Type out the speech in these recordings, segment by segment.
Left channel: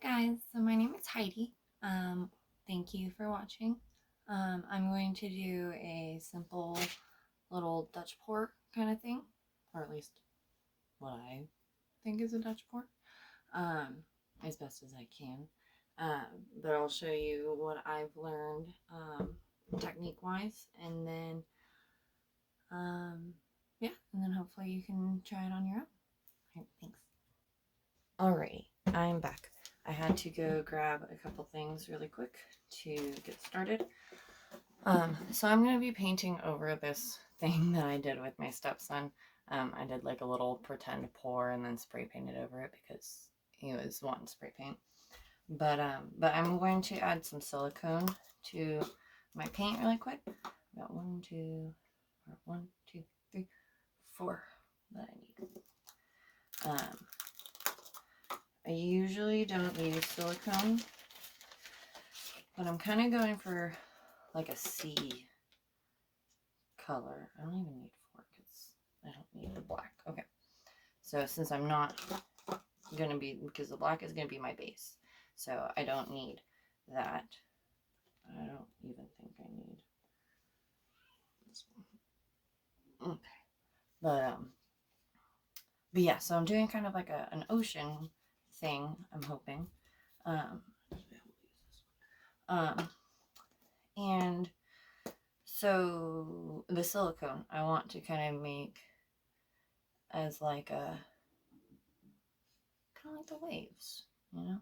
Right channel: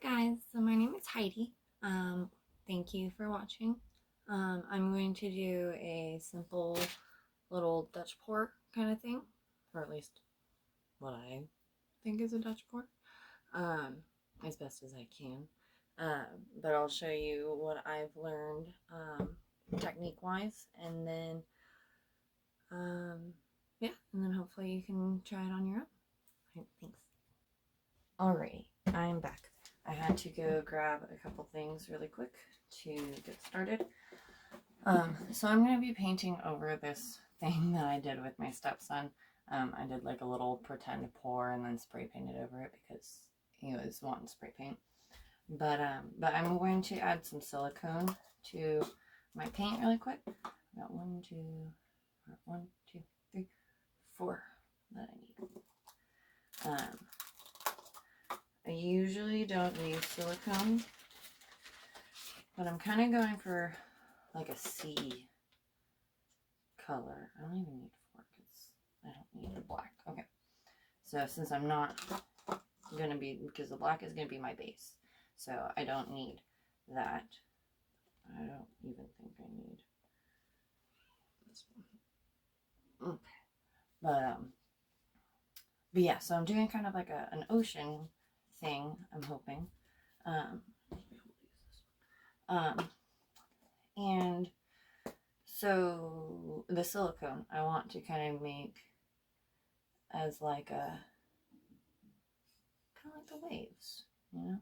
Hey guys, so my name is Heidi. Thank you for watching. I'm going to do a simple little Dutch pour kind of thing, or at least what I think is a Dutch pour, um, as best as I can. But I'll show you what I've learned technique-wise, and then yeah, and then hopefully you can try it on your own. All right, thanks. Alrighty, I'm back. I had to go grab a couple things really quick to get started. So I'm going to be painting over this thing that I did with my stepson. I did like a little pretend pour and then spray painted over it because he was wanting spray paint. But I'm going to add some silicone to my paint really quick. I got one, two, 3, 4 that I need. I usually don't use silicone, but I'm kind of going for like a sea color. I don't even need 4 because I don't need the black. Okay, so since I'm not going to be, because the black is going to be my base, so I don't need that. I don't even think I need this one. Okay, but yeah, so I'm doing kind of like an ocean thing, I'm hoping. And so the silicone I want to kind of make as like a kind of like the waves, you know?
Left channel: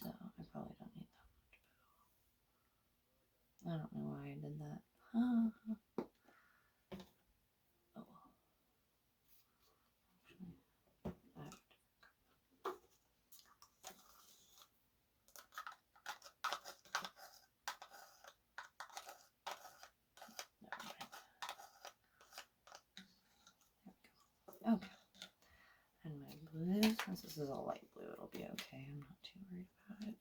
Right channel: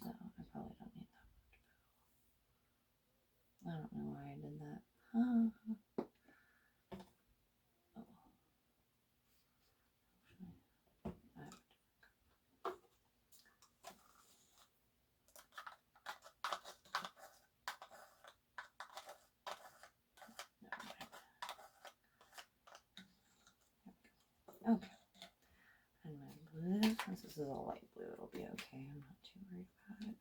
So I probably don't need that much. I don't know why I did that. Oh well. Okay. And my blue, since this is all light blue, it'll be okay. I'm not too worried about it.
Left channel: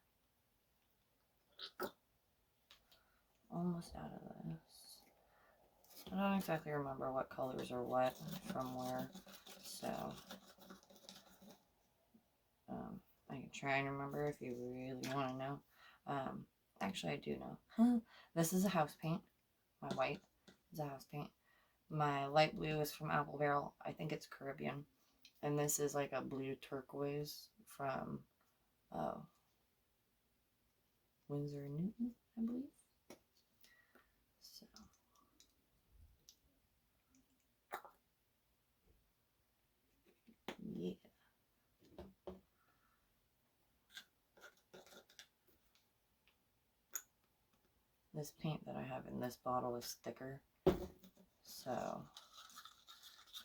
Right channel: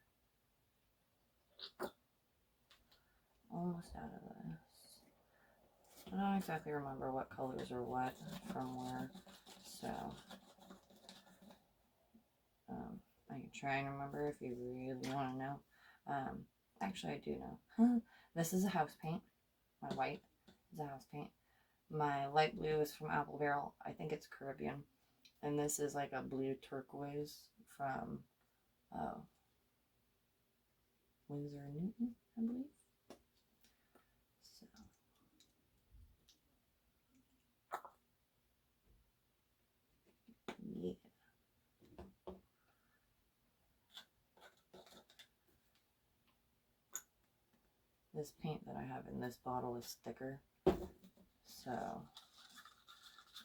Almost out of this. I don't exactly remember what colors are what from where, so I can try and remember if you really want to know. Actually, I do know. This is a house paint. My white is a house paint. My light blue is from Apple Barrel. I think it's Caribbean. And this is like a blue turquoise from Winsor & Newton, I believe. So yeah. This paint that I have in this bottle is thicker, so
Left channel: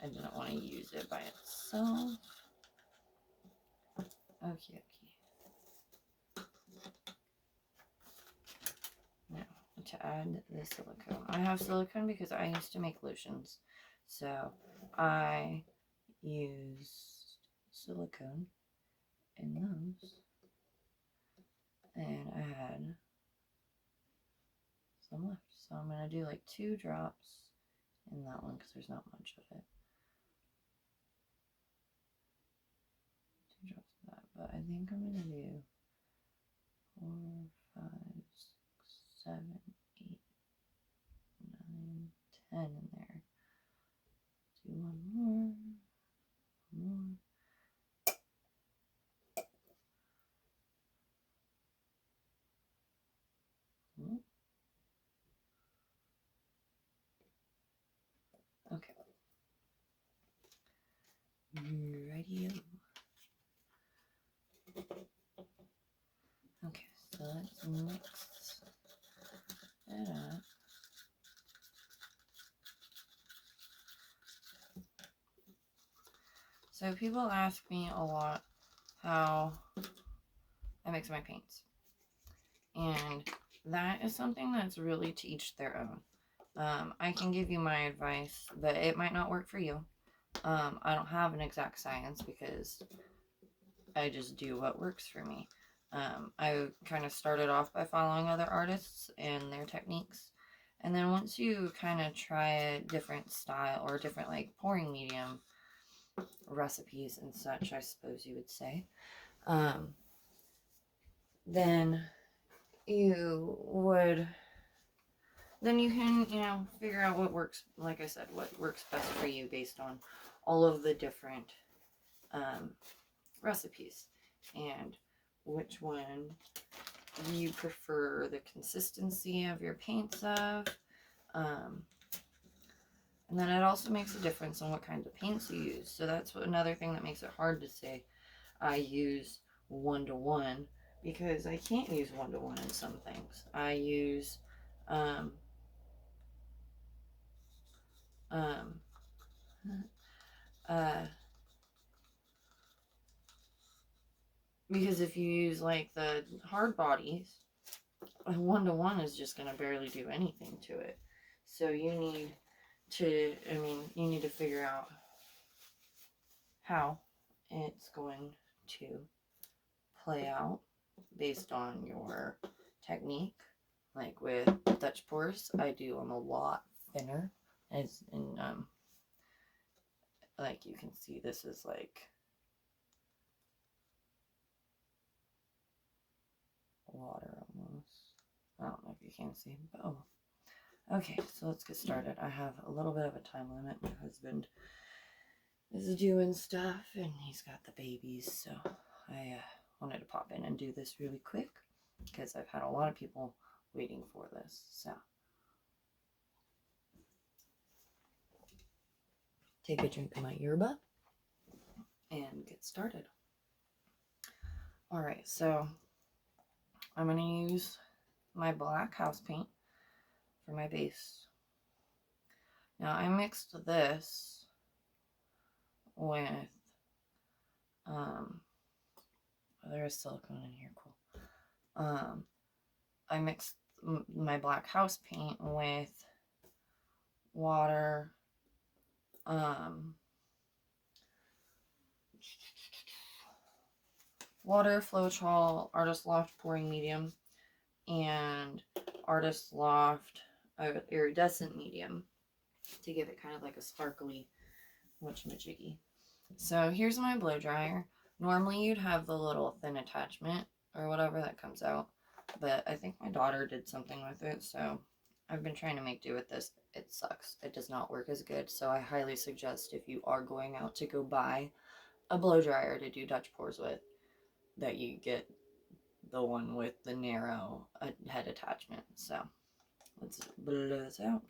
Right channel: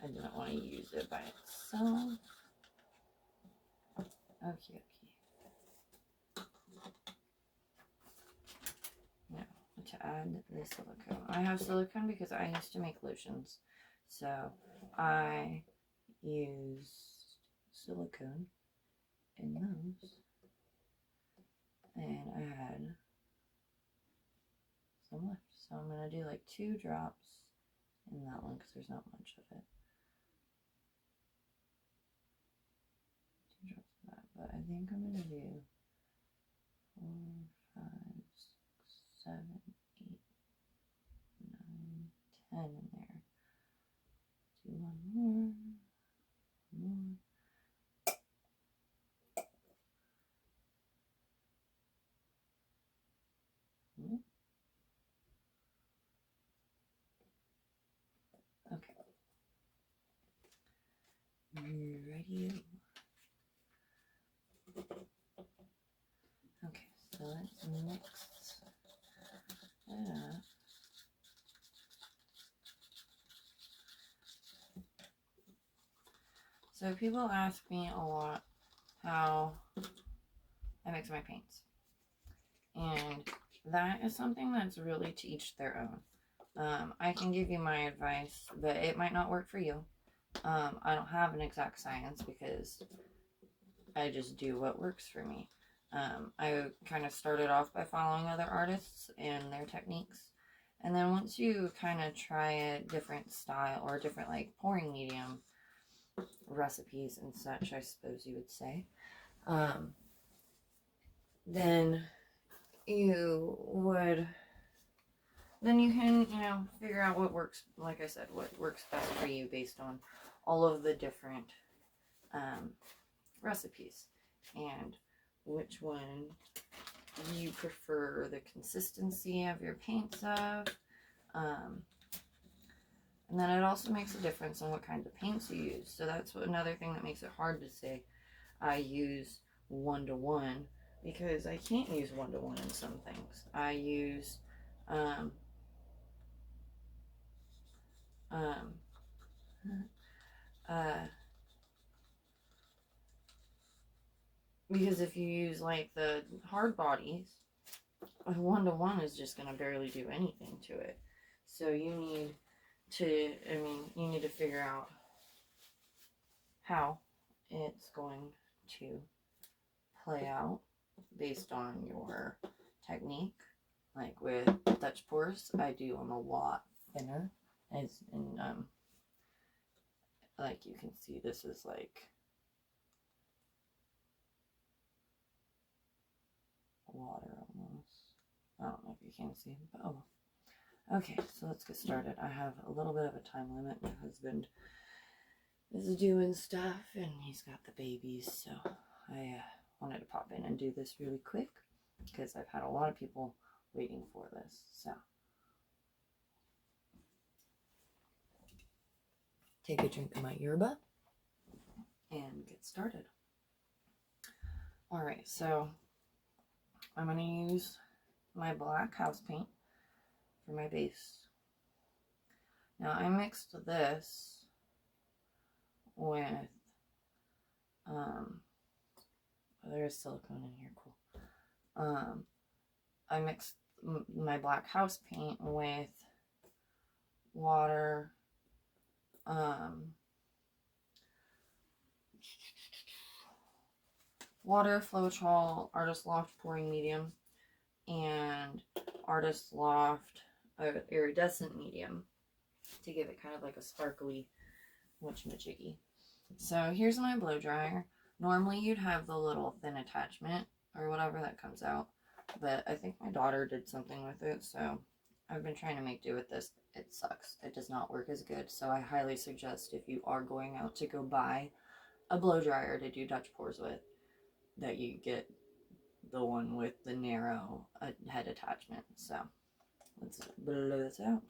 I didn't want to use it by itself. Okay. Now, to add the silicone. I have silicone because I used to make lotions, so I used silicone in those, and I had some left. So I'm going to do like 2 drops in that one because there's not much of it. 2 drops of that, but I think I'm going to do 4, 5, 6, 7, 8, 9, 10 in there. Do one more. Okay. Ready? Okay, so let's mix that up. So people ask me a lot how I mix my paints. And that is something that's really to each their own. I can give you my advice, but it might not work for you. I don't have an exact science because I just do what works for me. I kind of started off by following other artists and their techniques. And then once you kind of try a different style or different like pouring medium recipes and such, I suppose you would say, then you can, figure out what works, like I said, what works best for you based on all of the different recipes and which one you prefer the consistency of your paints of. And then it also makes a difference on what kinds of paints you use. So that's another thing that makes it hard to say I use 1-to-1, because I can't use 1-to-1 in some things. I use because if you use like the hard bodies, 1-to-1 is just going to barely do anything to it. So you need to figure out how it's going to play out based on your technique. Like with Dutch pours, I do them a lot thinner, as in like you can see, this is like water almost. I don't know if you can see, but oh. Okay, so let's get started. I have a little bit of a time limit. My husband is doing stuff and he's got the babies, so I wanted to pop in and do this really quick because I've had a lot of people waiting for this. So take a drink of my yerba and get started. All right, so I'm going to use my black house paint for my base. Now I mixed this with there is silicone in here, cool. I mixed my black house paint with water, Floetrol, Artist Loft Pouring Medium, and Artist Loft Iridescent Medium to give it kind of like a sparkly whatchamajiggy. So here's my blow dryer. Normally you'd have the little thin attachment or whatever that comes out, but I think my daughter did something with it, so I've been trying to make do with this. It sucks. It does not work as good, so I highly suggest if you are going out to go buy a blow dryer to do Dutch pours with, that you get the one with the narrow head attachment. So let's blow this out.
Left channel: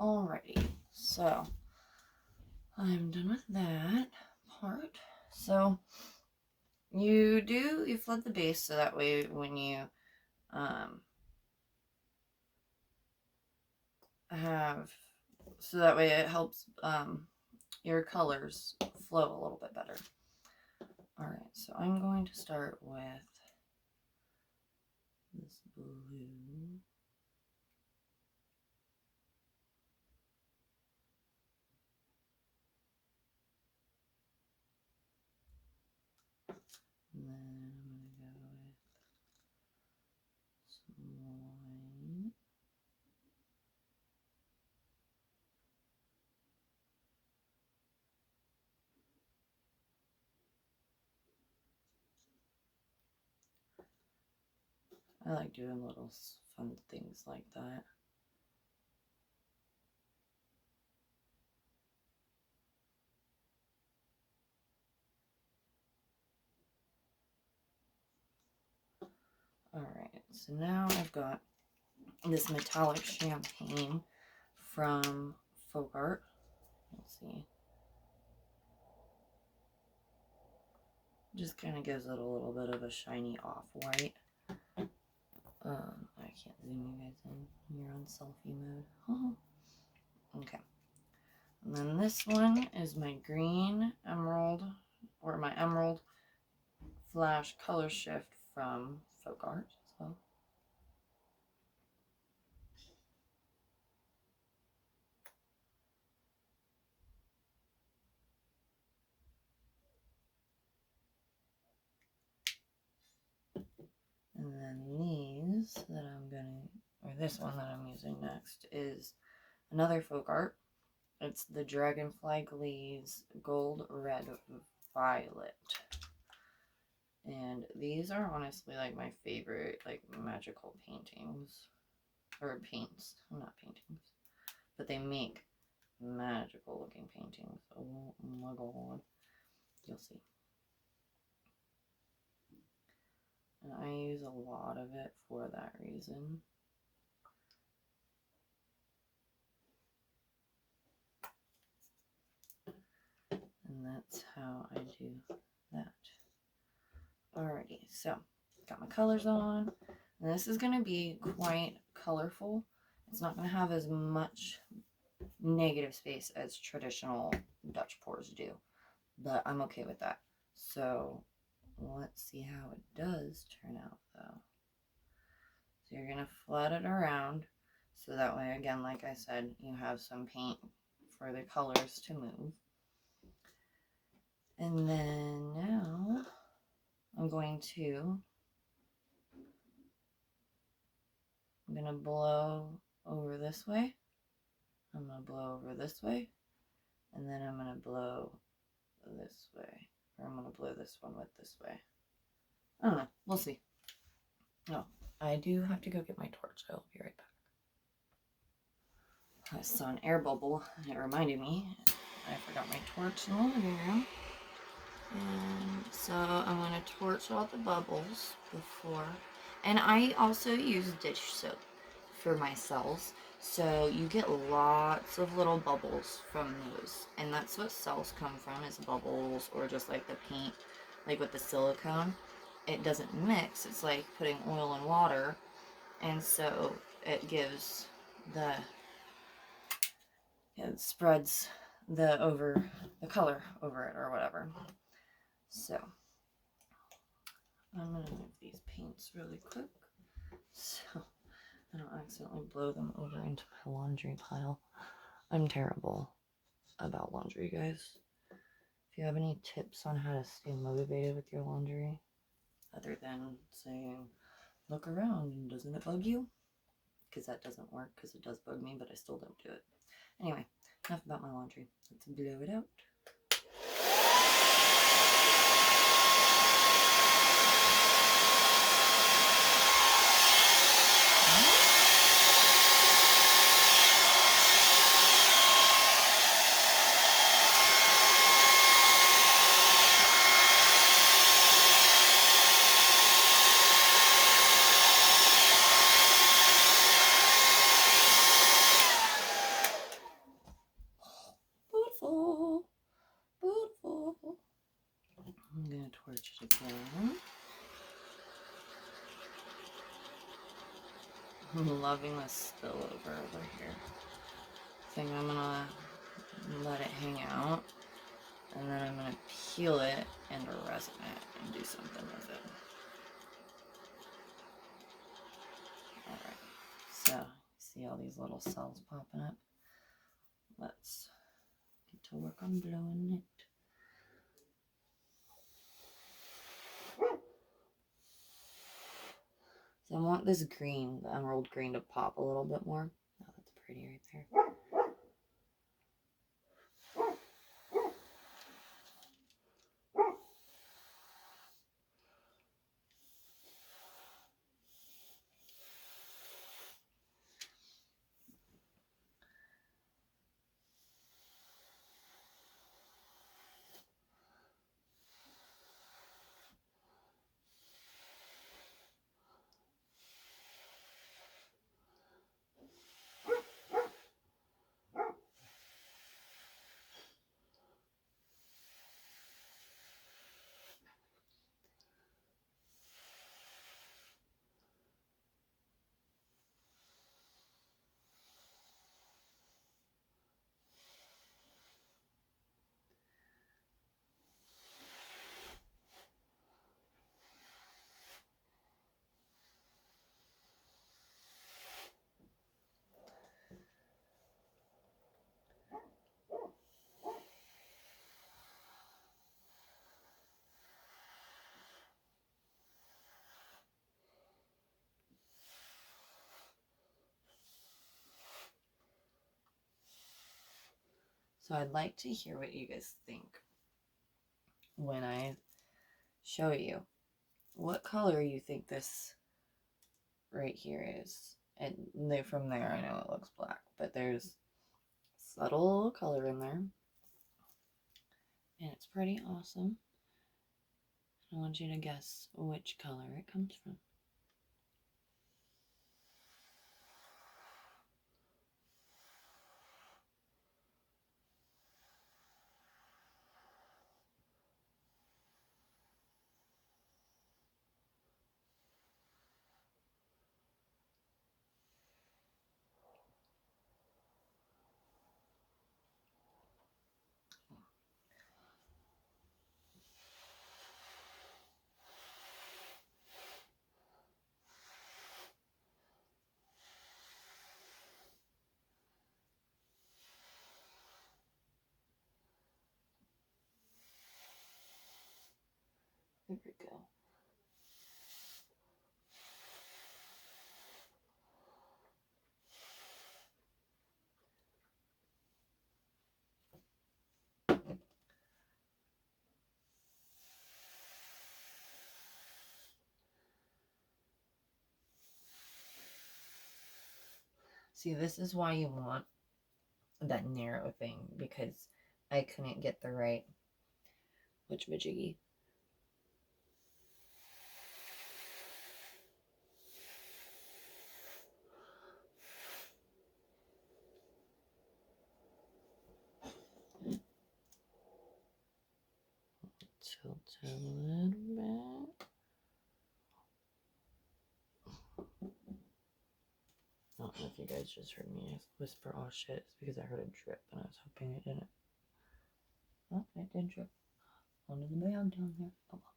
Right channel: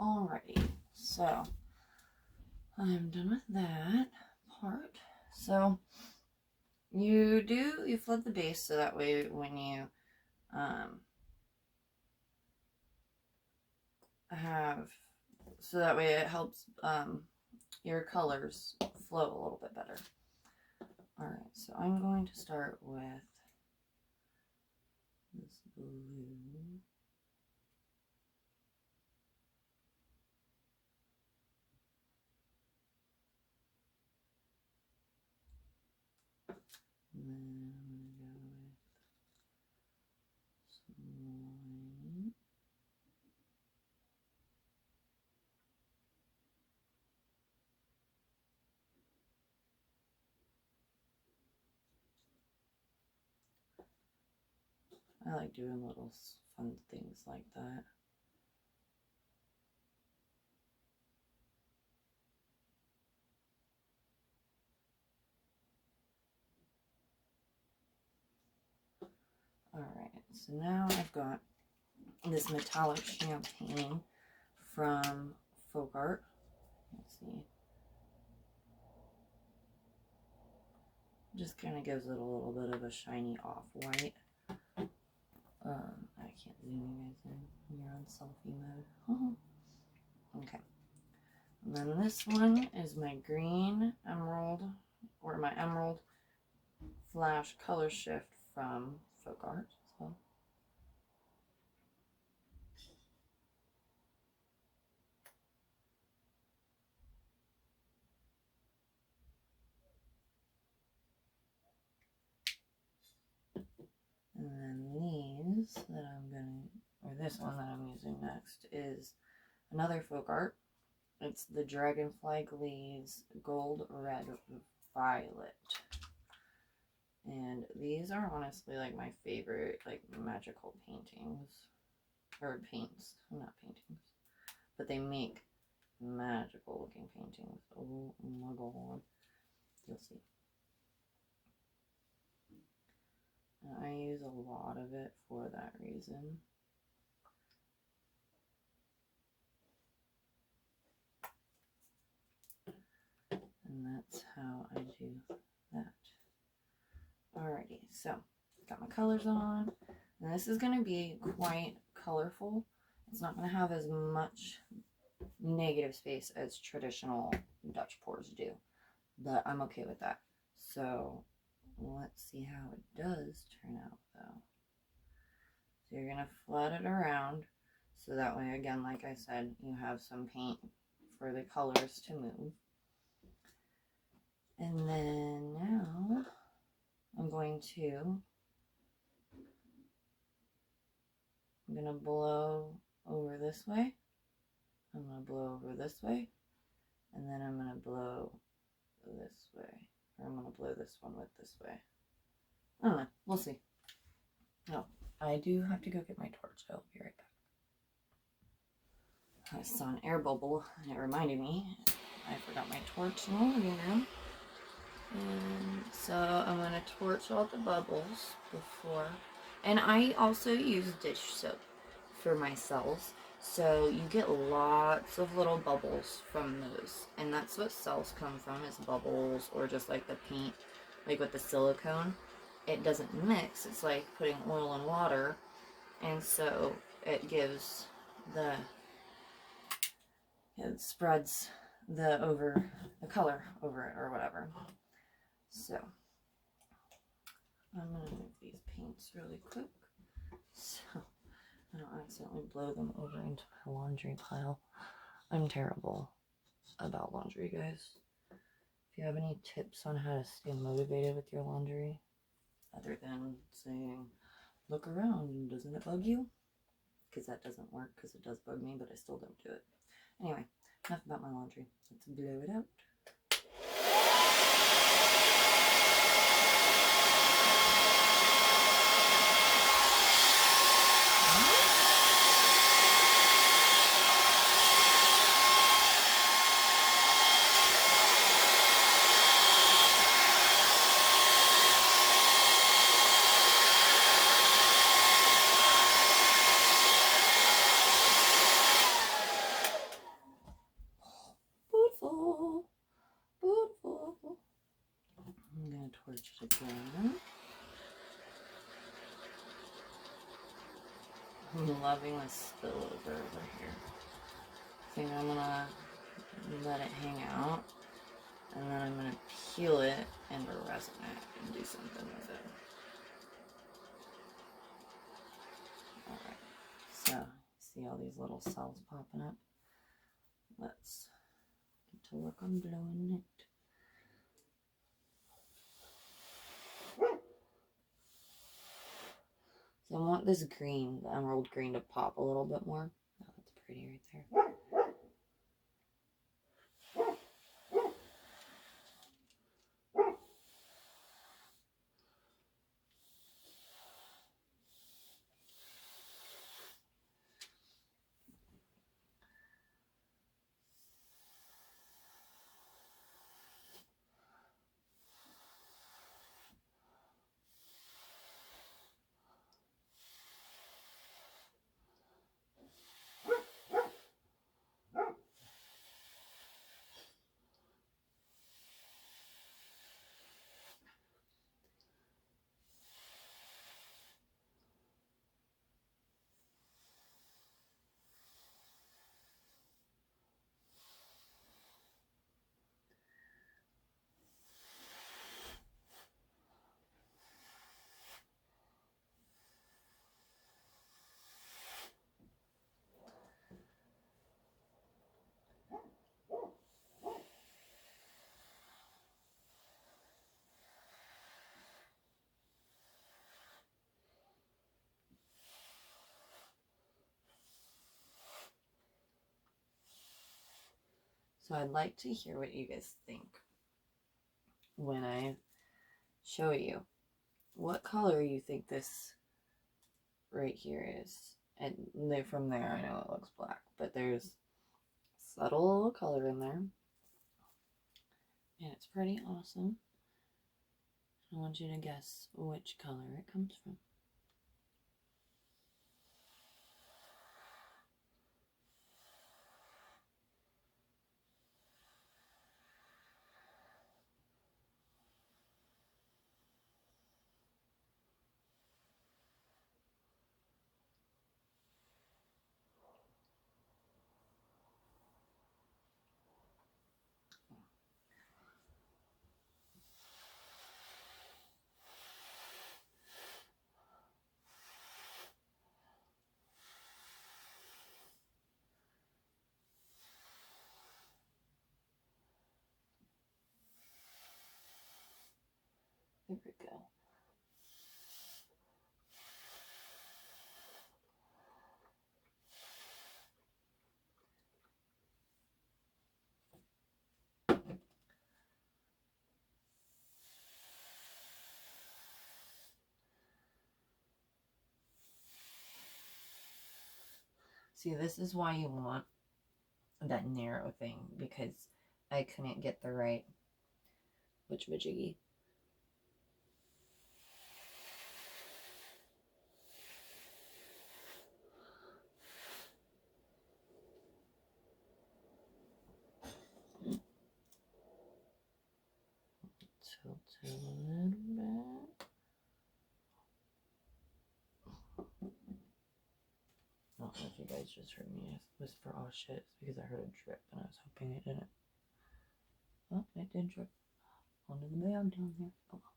Alrighty, so I'm done with that part. So you flood the base so that way when you it helps your colors flow a little bit better. Alright, so I'm going to start with this blue. then I'm going to go with some white. I like doing little fun things like that. Alright, so now I've got this metallic champagne from Folk Art. Let's see. Just kind of gives it a little bit of a shiny off-white. I can't zoom you guys in. You're on selfie mode. Okay. And then this one is my green emerald, or my emerald flash color shift from Folk Art. So and then these that I'm gonna, or this one that I'm using next is another Folk Art. It's the Dragonfly Glaze Gold Red Violet. And these are honestly like my favorite like magical paintings. Or paints. Not paintings. But they make magical looking paintings. Oh my god. You'll see. And I use a lot of it for that reason. And that's how I do that. Alrighty, so got my colors on. And this is going to be quite colorful. It's not going to have as much negative space as traditional Dutch pours do. But I'm okay with that. So let's see how it does turn out though. So you're going to flood it around. So that way, again, like I said, you have some paint for the colors to move. And then now I'm going to blow over this way. I'm going to blow over this way. And then I'm going to blow this way. Or I'm going to blow this one with this way. I don't know. We'll see. Oh, I do have to go get my torch. I'll be right back. I saw an air bubble and it reminded me I forgot my torch in the living room. And so I'm going to torch all the bubbles before. And I also use dish soap for my cells. So you get lots of little bubbles from those. And that's what cells come from, is bubbles, or just like the paint, like with the silicone. It doesn't mix. It's like putting oil and water. And so it gives the, it spreads the color over it or whatever. So I'm going to move these paints really quick so I don't accidentally blow them over into my laundry pile. I'm terrible about laundry, guys. If you have any tips on how to stay motivated with your laundry, other than saying, look around, doesn't it bug you? Because that doesn't work, because it does bug me, but I still don't do it. Anyway, enough about my laundry. Let's blow it out. Torch it again. I'm loving this spillover over here. I think I'm gonna let it hang out, and then I'm gonna peel it and resin it and do something with it. Alright, so see all these little cells popping up? Let's get to work on blowing it. So I want this green, the emerald green, to pop a little bit more. Oh, that's pretty right there. So I'd like to hear what you guys think when I show you. What color you think this right here is? And from there, I know it looks black, but there's subtle color in there. And it's pretty awesome. I want you to guess which color it comes from. There we go. See, this is why you want that narrow thing, because I couldn't get the right witchamajiggy. Tilt it a little bit. I don't know if you guys just heard me whisper, oh shit, it's because I heard a drip and I was hoping it didn't. Oh, it did drip onto the bag down here. Oh well.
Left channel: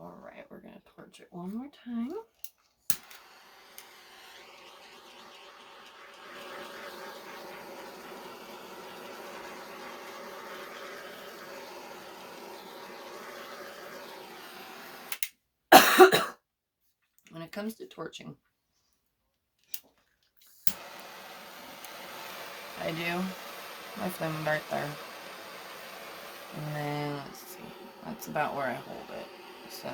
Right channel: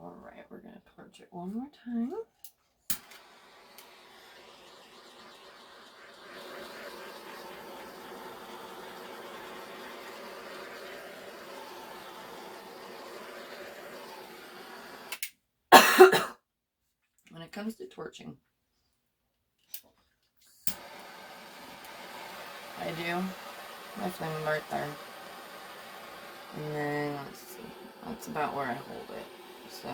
Alright, we're going to torch it one more time. When it comes to torching, I do my flame dart there. And then, let's see, that's about where I hold it. So,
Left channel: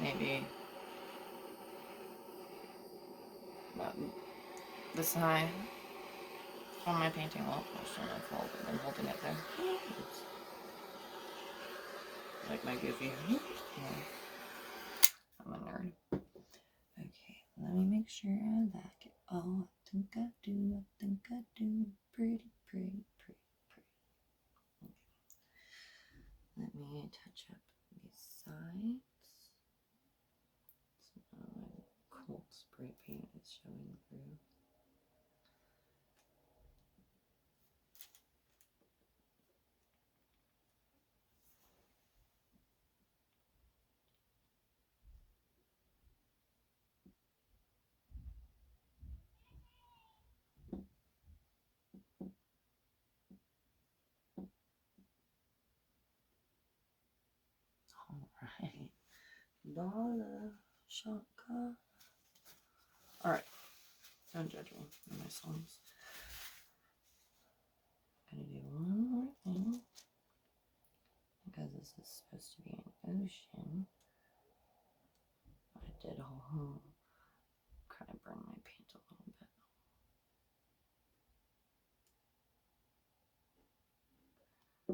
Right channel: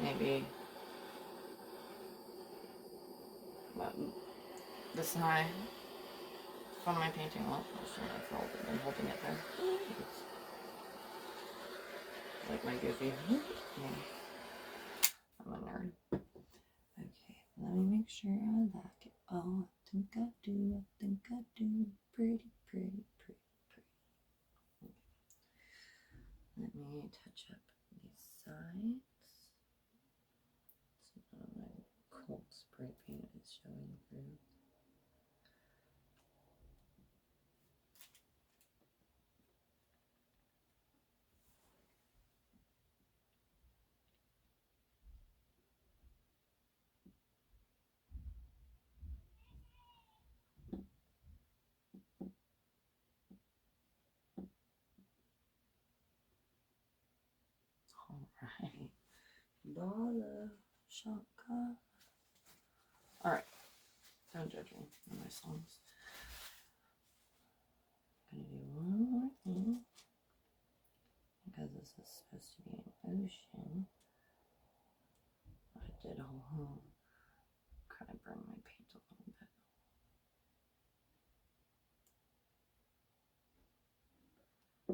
maybe about this high from my painting wall. Just I'm holding it there. Oops. Like my goofy. I'm a nerd. Okay, let me make sure I like it. Oh, I think I do. Pretty. Okay. Let me touch up these sides. bright paint is showing through. Alright. Bala shaka. Alright. Don't judge me on my songs. I'm gonna do one more thing. Because this is supposed to be an ocean. I did a whole kind of burn my paint a little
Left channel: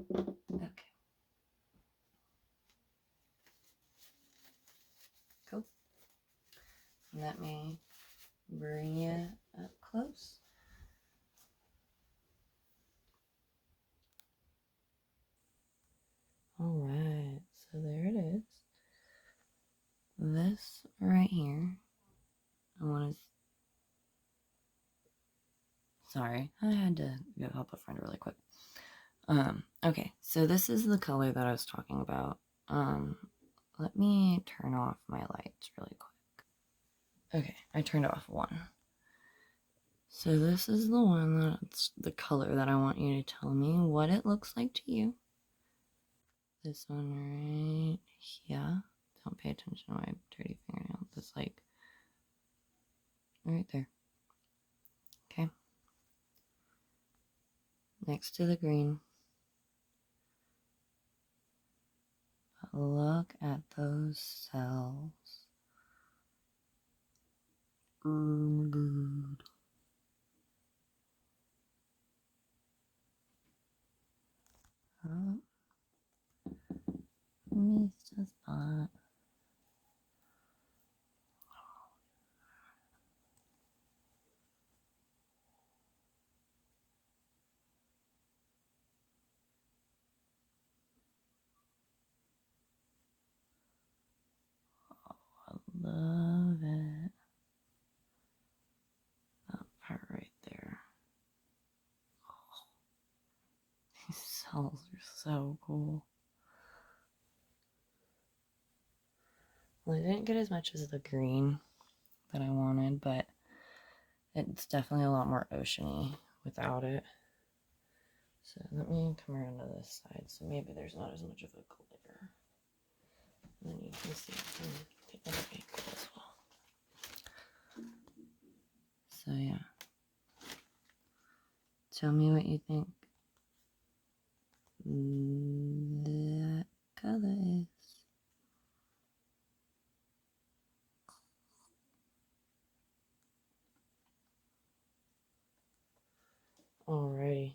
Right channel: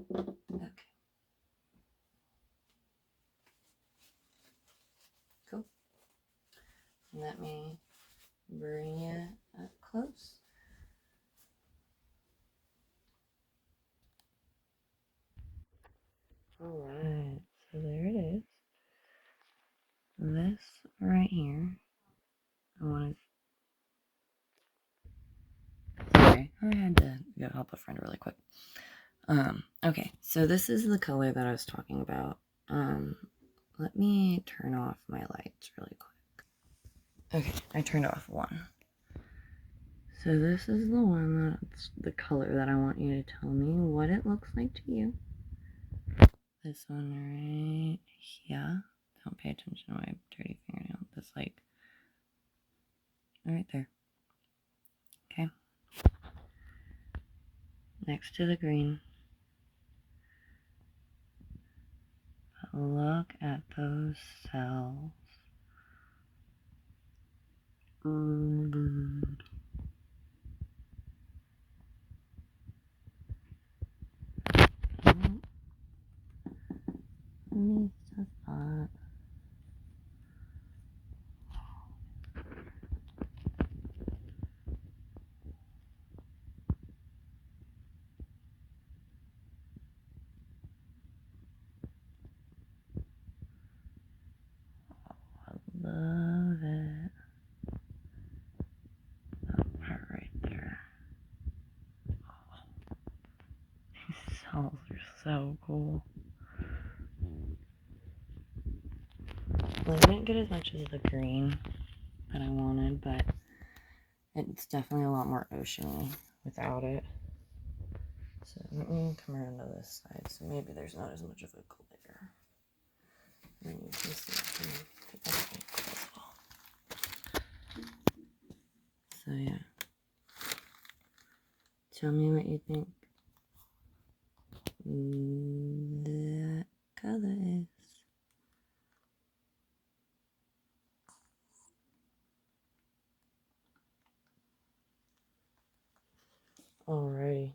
bit. Okay. Cool. Let me bring you up close. Alright, so there it is. This right here, I want to, sorry, I had to go help a friend really quick. Okay, so this is the color that I was talking about. Let me turn off my lights really quick. Okay, I turned off one. So this is the one that's the color that I want you to tell me what it looks like to you. This one right here. Don't pay attention to my dirty fingernail. That's like right there. Okay. Next to the green. But look at those cells. Oh my god. Missed a spot. I love it. That part right there. Oh, these cells are so cool. Well, I didn't get as much as the green that I wanted, but it's definitely a lot more oceany without it. So let me come around to this side, so maybe there's not as much of a glare. And then you can see from the other angle as well. So yeah. Tell me what you think that color is. Alrighty.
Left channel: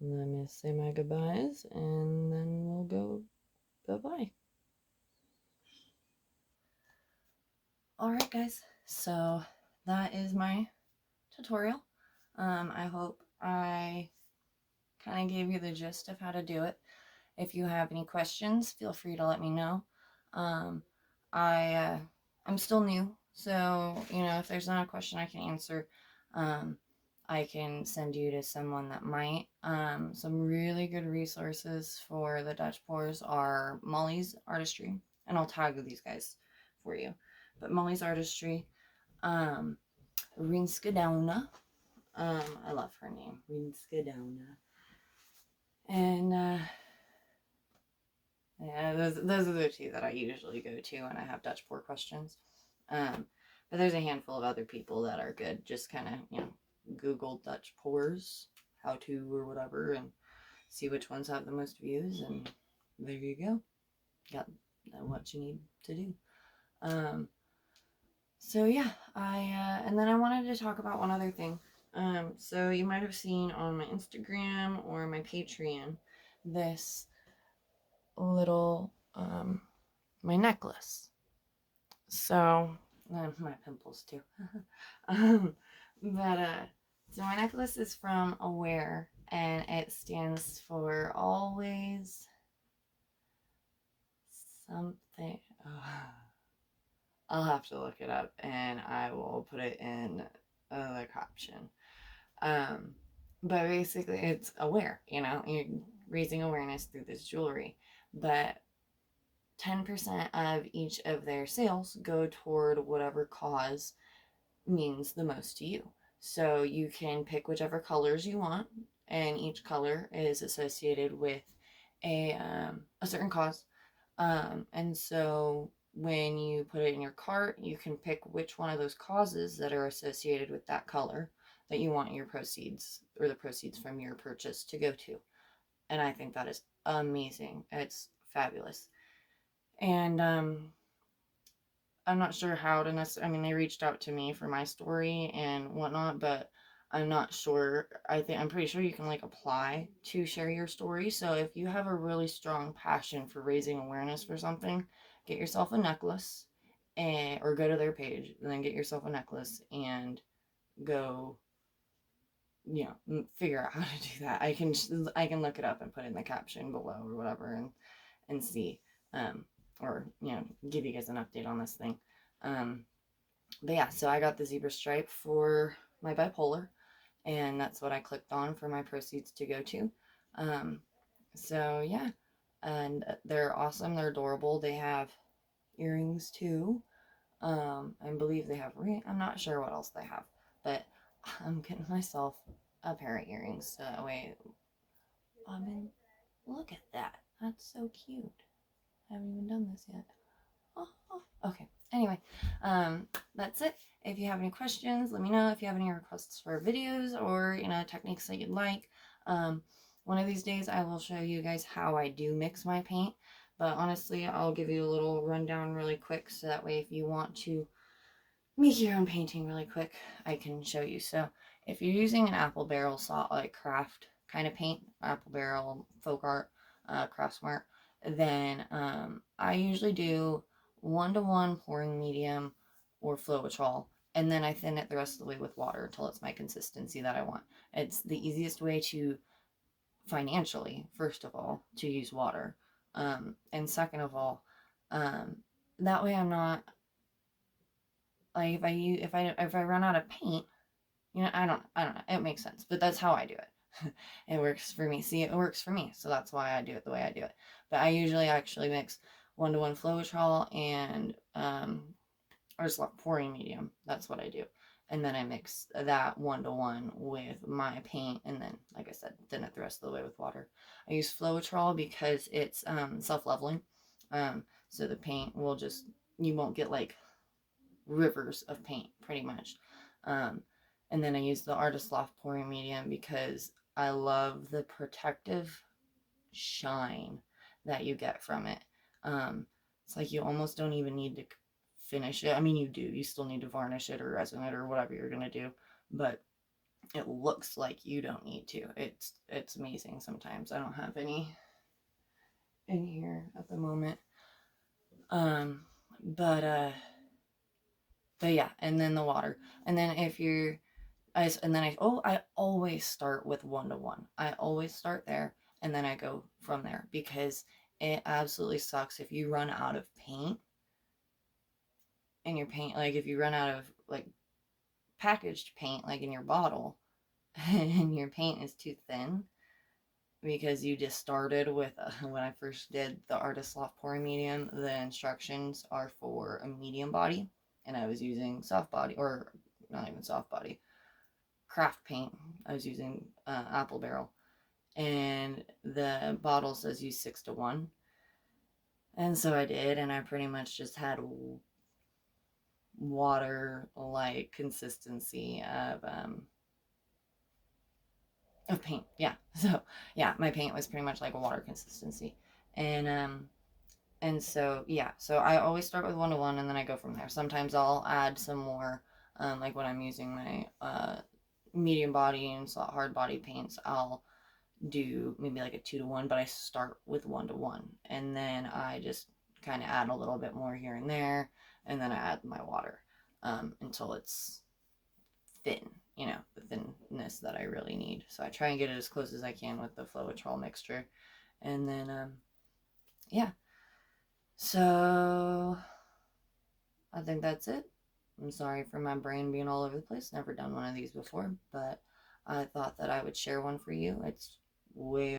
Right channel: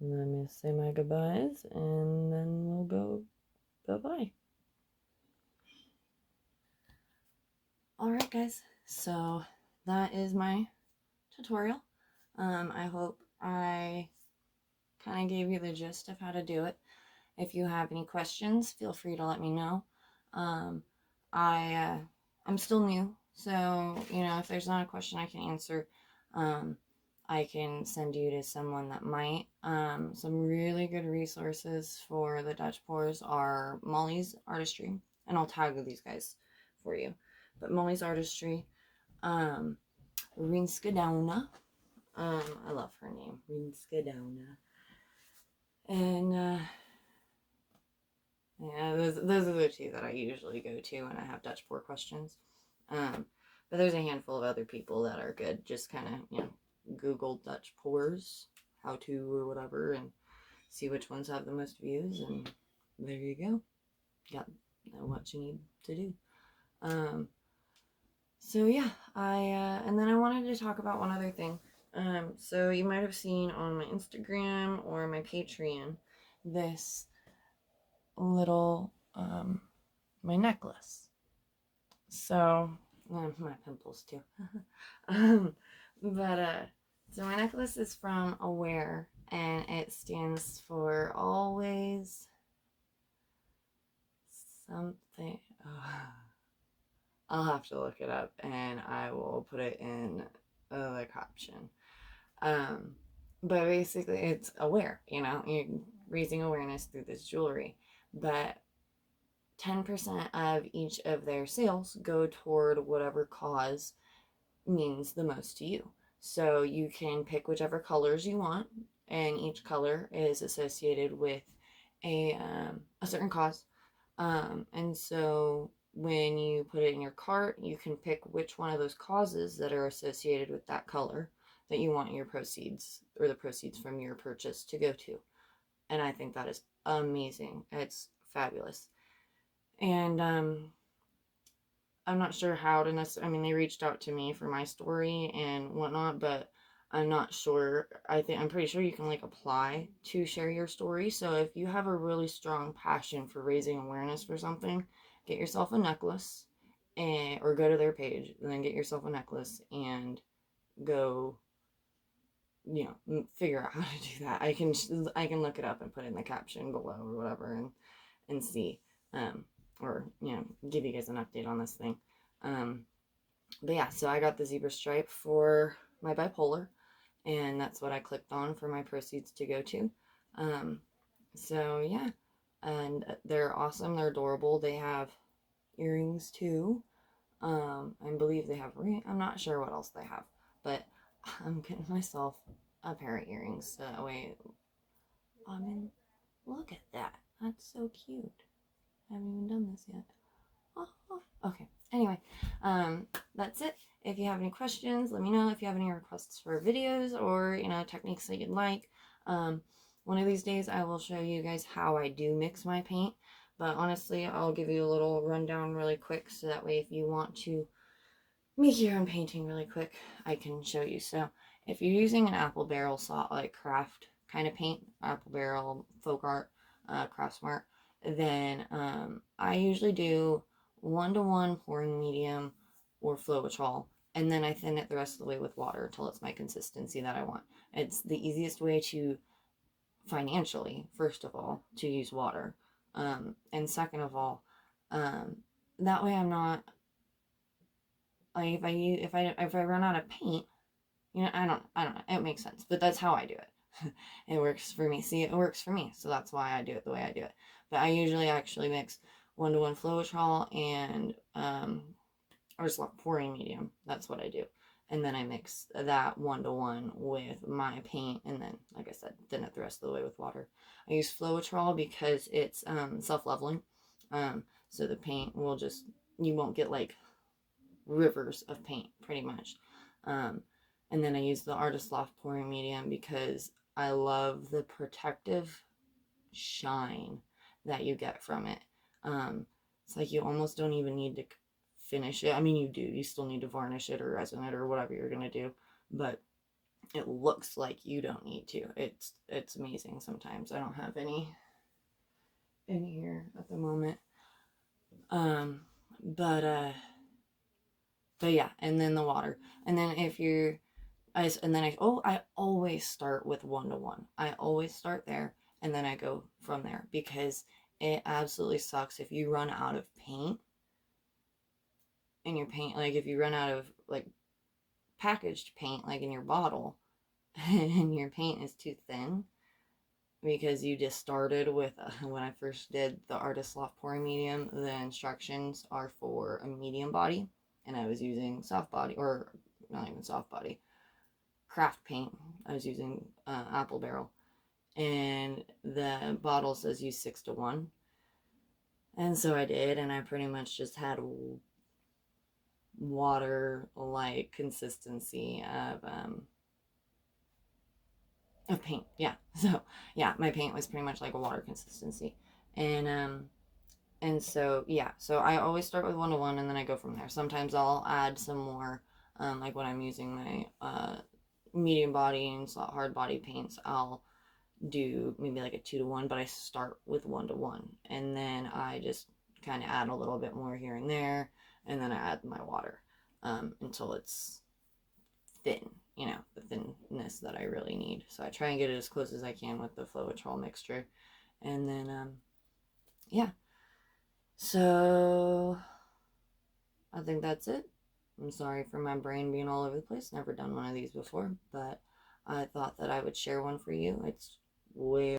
Let me say my goodbyes and then we'll go bye-bye. Alright guys, so that is my tutorial. I hope I kind of gave you the gist of how to do it. If you have any questions, feel free to let me know. I'm still new, so you know, if there's not a question I can answer, I can send you to someone that might. Some really good resources for the Dutch pours are Molly's Artistry, and I'll tag these guys for you. But Molly's Artistry, Rinska Dauna, I love her name, Rinska Dauna, and yeah, those are the two that I usually go to when I have Dutch pour questions. But there's a handful of other people that are good. Just kind of, you know, Google Dutch pours, how to or whatever, and see which ones have the most views, and there you go. Got what you need to do. So yeah, and then I wanted to talk about one other thing. So you might have seen on my Instagram or my Patreon this little my necklace. So my pimples too. So my necklace is from Aware, and it stands for always something. I'll have to look it up and I will put it in the caption. But basically, it's you're raising awareness through this jewelry. But 10% of each of their sales go toward whatever cause means the most to you. So you can pick whichever colors you want, and each color is associated with a certain cause. And so when you put it in your cart, you can pick which one of those causes that are associated with that color that you want your proceeds or the proceeds from your purchase to go to. And I think that is amazing. It's fabulous. And I'm not sure how to necessarily, I mean, they reached out to me for my story and whatnot, but I'm not sure. I'm pretty sure you can like apply to share your story. So if you have a really strong passion for raising awareness for something, get yourself a necklace or go to their page and then get yourself a necklace and go, figure out how to do that. I can look it up and put it in the caption below or whatever and see, or, give you guys an update on this thing. But yeah, so I got the zebra stripe for my bipolar, and that's what I clicked on for my proceeds to go to. So yeah, and they're awesome. They're adorable. They have earrings too. I believe they have I'm not sure what else they have, but I'm getting myself a pair of earrings. Wait, look at that. That's so cute. I haven't even done this yet. Oh, okay. Anyway, that's it. If you have any questions, let me know. If you have any requests for videos or, techniques that you'd like. One of these days I will show you guys how I do mix my paint. But honestly, I'll give you a little rundown really quick so that way if you want to make your own painting really quick, I can show you. So if you're using an apple barrel like craft kind of paint, apple barrel, folk art, craft smart, then I usually do 1-to-1 pouring medium or Floetrol, and then I thin it the rest of the way with water until it's my consistency that I want. It's the easiest way to financially, first of all, to use water, and second of all, that way I'm not like if I run out of paint, I don't know, it makes sense, but that's how I do it. It works for me. See, it works for me, so that's why I do it the way I do it. But I usually actually mix 1-to-1 Floetrol and Artist Loft pouring medium. That's what I do. And then I mix that 1-to-1 with my paint, and then, like I said, thin it the rest of the way with water. I use Floetrol because it's self-leveling. So the paint will you won't get like rivers of paint, pretty much. And then I use the Artist Loft pouring medium because I love the protective shine that you get from it. It's like you almost don't even need to finish it. I mean, you do. You still need to varnish it or resin it or whatever you're going to do. But it looks like you don't need to. It's amazing sometimes. I don't have any in here at the moment. But yeah, and then the water. And then I always start with 1-to-1. I always start there and then I go from there because it absolutely sucks if you run out of paint in your paint. Like if you run out of like packaged paint, like in your bottle, and your paint is too thin because you just started with when I first did the Artist Loft pouring medium, the instructions are for a medium body, and I was using soft body, or not even soft body, craft paint. I was using apple barrel, and the bottle says use 6-to-1, and so I did, and I pretty much just had water like consistency of paint. Yeah. So yeah, my paint was pretty much like a water consistency. And so yeah, so I always start with 1-to-1 and then I go from there. Sometimes I'll add some more, like when I'm using my medium body and hard body paints, I'll do maybe like a 2-to-1, but I start with 1-to-1 and then I just kind of add a little bit more here and there, and then I add my water until it's thin, the thinness that I really need. So I try and get it as close as I can with the Floetrol mixture. And then, yeah. So I think that's it. I'm sorry for my brain being all over the place. Never done one of these before, but I thought that I would share one for you. It's way